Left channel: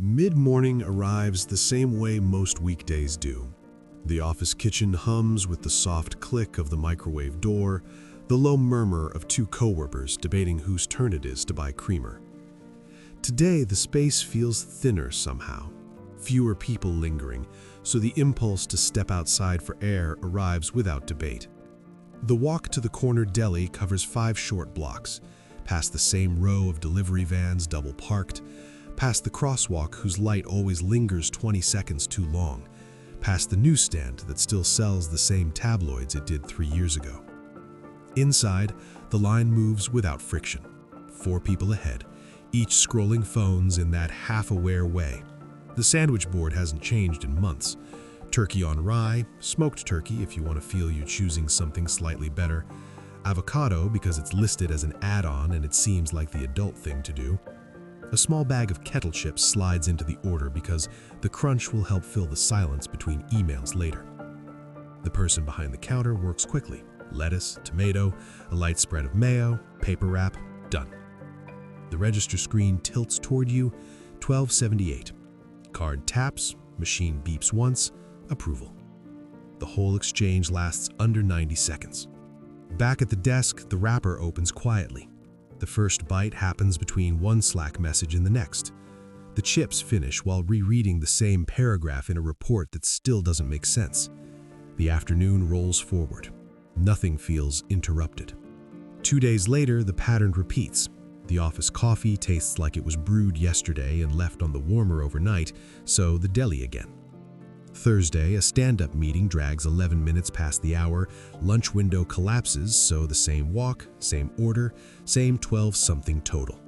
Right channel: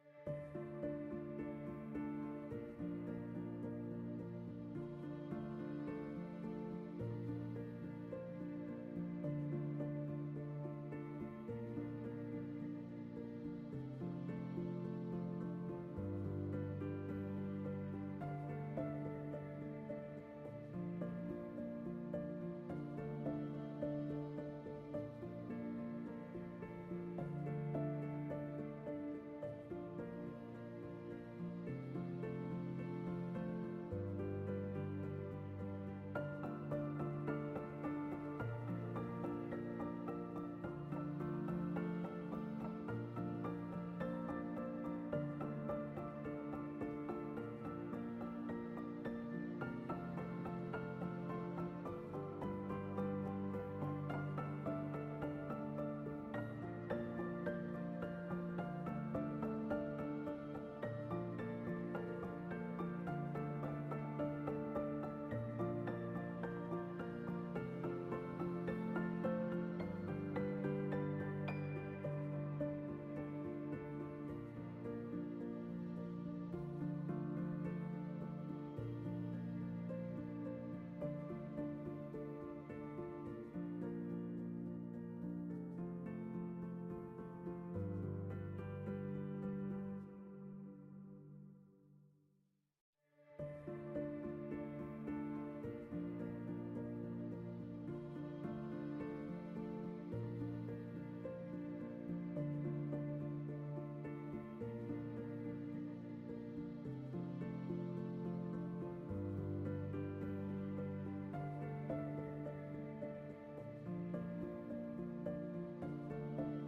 Mid-morning arrives the same way most weekdays do. The office kitchen hums with the soft click of the microwave door, the low murmur of two coworkers debating whose turn it is to buy creamer. Today, the space feels thinner somehow, fewer people lingering, so the impulse to step outside for air arrives without debate. The walk to the corner deli covers 5 short blocks, past the same row of delivery vans double parked, past the crosswalk whose light always lingers 20 seconds too long, past the newsstand that still sells the same tabloids it did 3 years ago. Inside, the line moves without friction. 4 people ahead, each scrolling phones in that half-aware way. The sandwich board hasn't changed in months. Turkey on rye, smoked turkey if you want to feel you're choosing something slightly better, avocado because it's listed as an add-on and it seems like the adult thing to do. A small bag of kettle chips slides into the order because the crunch will help fill the silence between emails later. The person behind the counter works quickly. Lettuce, tomato, a light spread of mayo, paper wrap, done. The register screen tilts toward you, $12.78. Card taps, machine beeps once, approval. The whole exchange lasts under 90 seconds. Back at the desk, the wrapper opens quietly. The first bite happens between one Slack message and the next. The chips finish while rereading the same paragraph in a report that still doesn't make sense. The afternoon rolls forward. Nothing feels interrupted. 2 days later, the pattern repeats. The office coffee tastes like it was brewed yesterday and left on the warmer overnight, so the deli again. Thursday, a stand-up meeting drags 11 minutes past the hour, lunch window collapses, so the same walk, same order, same 12-something total.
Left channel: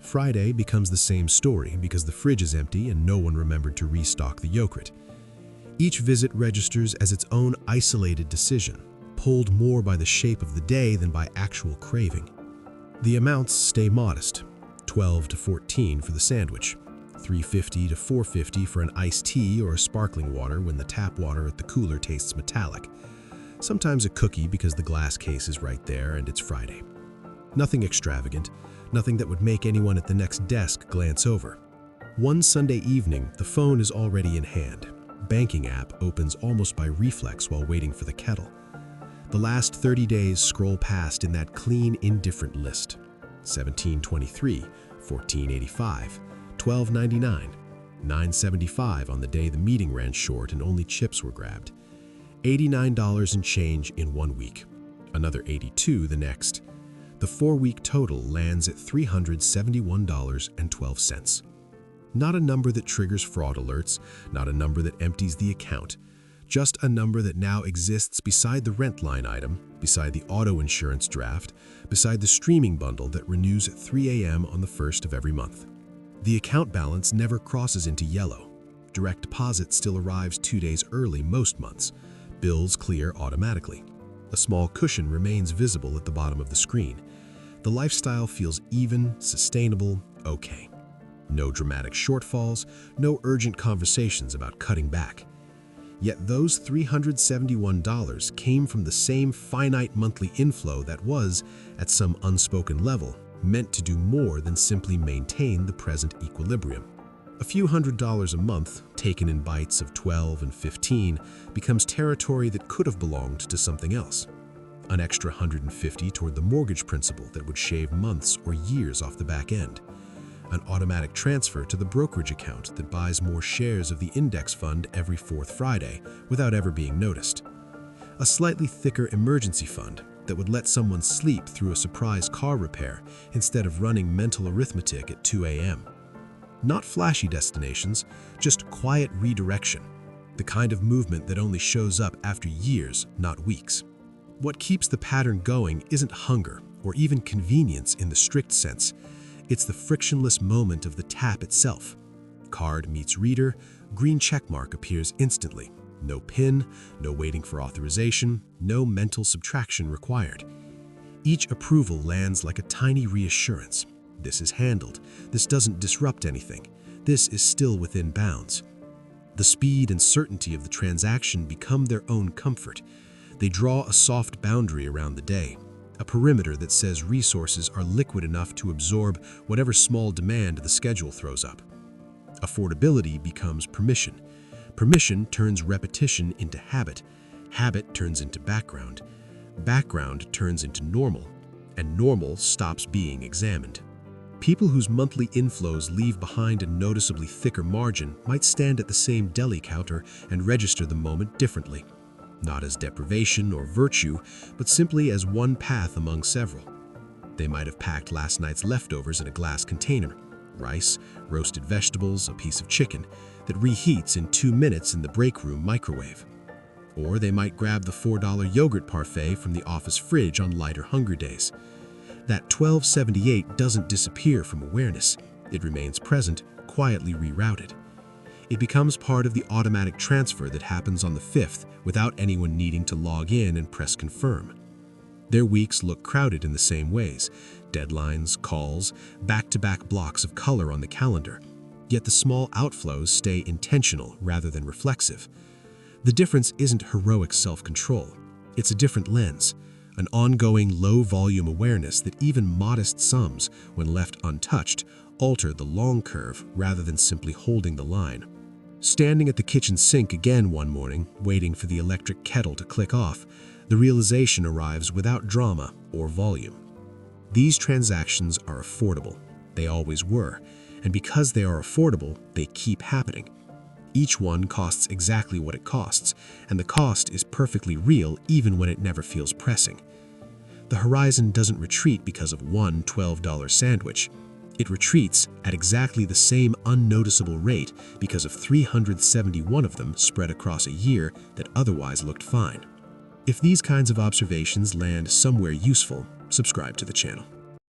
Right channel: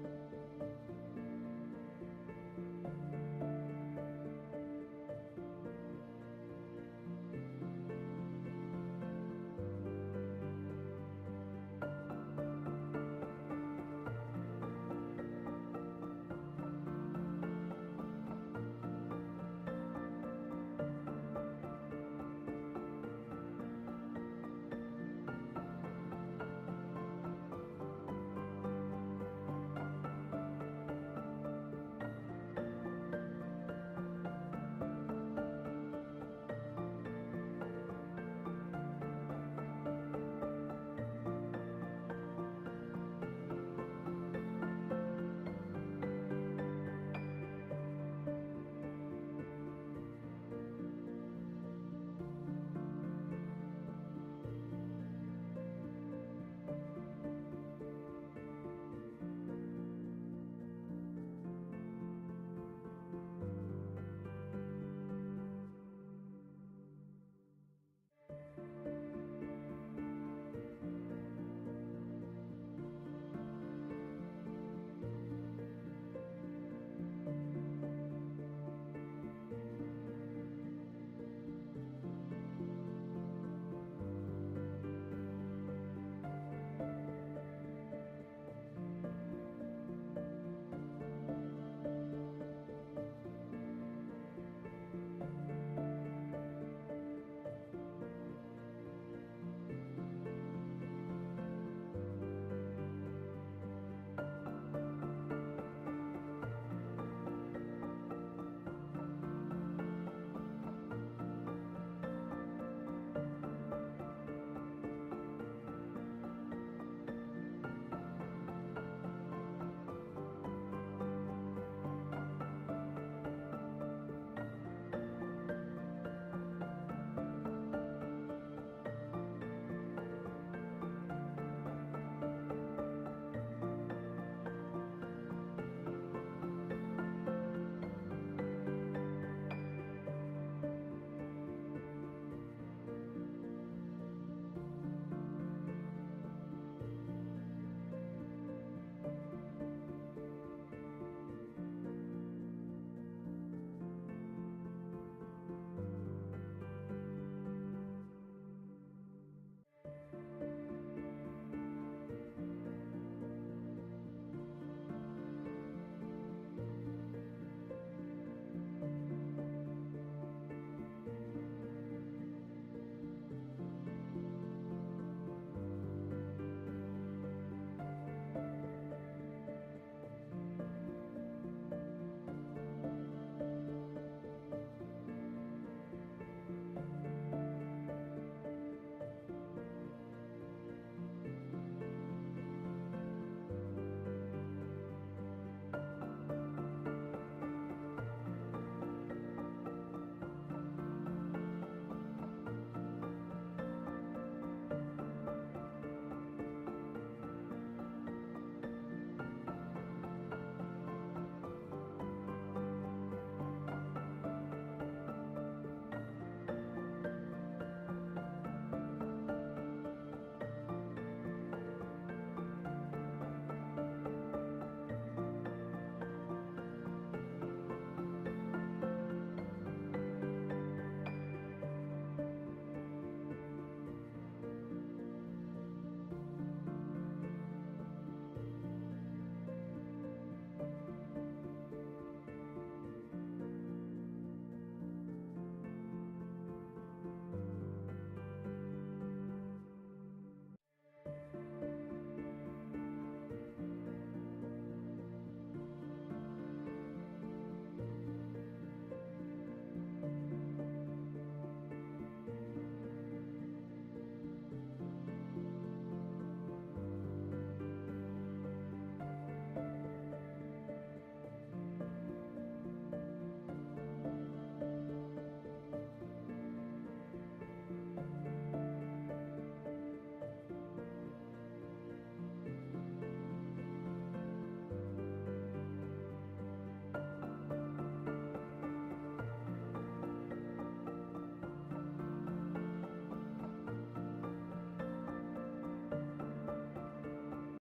Friday becomes the same story because the fridge is empty and no one remembered to restock the yogurt. Each visit registers as its own isolated decision, pulled more by the shape of the day than by actual craving. The amounts stay modest, 12 to 14 for the sandwich, $3.50 to $4.50 for an iced tea or a sparkling water when the tap water at the cooler tastes metallic. Sometimes a cookie because the glass case is right there and it's Friday. Nothing extravagant, nothing that would make anyone at the next desk glance over. One Sunday evening, the phone is already in hand. Banking app opens almost by reflex while waiting for the kettle. The last 30 days scroll past in that clean, indifferent list. $17.23, $14.85, $12.99, $9.75 on the day the meeting ran short and only chips were grabbed. $89 and change in 1 week. Another $82 the next. The 4-week total lands at $371.12. Not a number that triggers fraud alerts, not a number that empties the account. Just a number that now exists beside the rent line item, beside the auto insurance draft, beside the streaming bundle that renews at 3 a.m. on the 1st of every month. The account balance never crosses into yellow. Direct deposit still arrives 2 days early most months. Bills clear automatically. A small cushion remains visible at the bottom of the screen. The lifestyle feels even, sustainable, okay. No dramatic shortfalls, no urgent conversations about cutting back. Yet those $371 came from the same finite monthly inflow that was, at some unspoken level, meant to do more than simply maintain the present equilibrium. A few $100s a month, taken in bites of 12 and 15, becomes territory that could have belonged to something else. An extra $150 toward the mortgage principal that would shave months or years off the back end. An automatic transfer to the brokerage account that buys more shares of the index fund every 4th Friday without ever being noticed. A slightly thicker emergency fund that would let someone sleep through a surprise car repair instead of running mental arithmetic at 2 a.m. Not flashy destinations, just quiet redirection, the kind of movement that only shows up after years, not weeks. What keeps the pattern going isn't hunger or even convenience in the strict sense. It's the frictionless moment of the tap itself. Card meets reader, green checkmark appears instantly. No PIN, no waiting for authorization, no mental subtraction required. Each approval lands like a tiny reassurance. This is handled. This doesn't disrupt anything. This is still within bounds. The speed and certainty of the transaction become their own comfort. They draw a soft boundary around the day, a perimeter that says resources are liquid enough to absorb whatever small demand the schedule throws up. Affordability becomes permission. Permission turns repetition into habit. Habit turns into background. Background turns into normal. And normal stops being examined. People whose monthly inflows leave behind a noticeably thicker margin might stand at the same deli counter and register the moment differently. Not as deprivation or virtue, but simply as one path among several. They might have packed last night's leftovers in a glass container, rice, roasted vegetables, a piece of chicken, that reheats in 2 minutes in the break room microwave. Or they might grab the $4 yogurt parfait from the office fridge on lighter hunger days. That $12.78 doesn't disappear from awareness. It remains present, quietly rerouted. It becomes part of the automatic transfer that happens on the 5th without anyone needing to log in and press confirm. Their weeks look crowded in the same ways: deadlines, calls, back-to-back blocks of color on the calendar. Yet the small outflows stay intentional rather than reflexive. The difference isn't heroic self-control. It's a different lens, an ongoing low-volume awareness that even modest sums, when left untouched, alter the long curve rather than simply holding the line. Standing at the kitchen sink again one morning, waiting for the electric kettle to click off, the realization arrives without drama or volume. These transactions are affordable. They always were. And because they are affordable, they keep happening. Each one costs exactly what it costs, and the cost is perfectly real even when it never feels pressing. The horizon doesn't retreat because of one $12 sandwich. It retreats at exactly the same unnoticeable rate because of 371 of them spread across a year that otherwise looked fine. If these kinds of observations land somewhere useful, subscribe to the channel.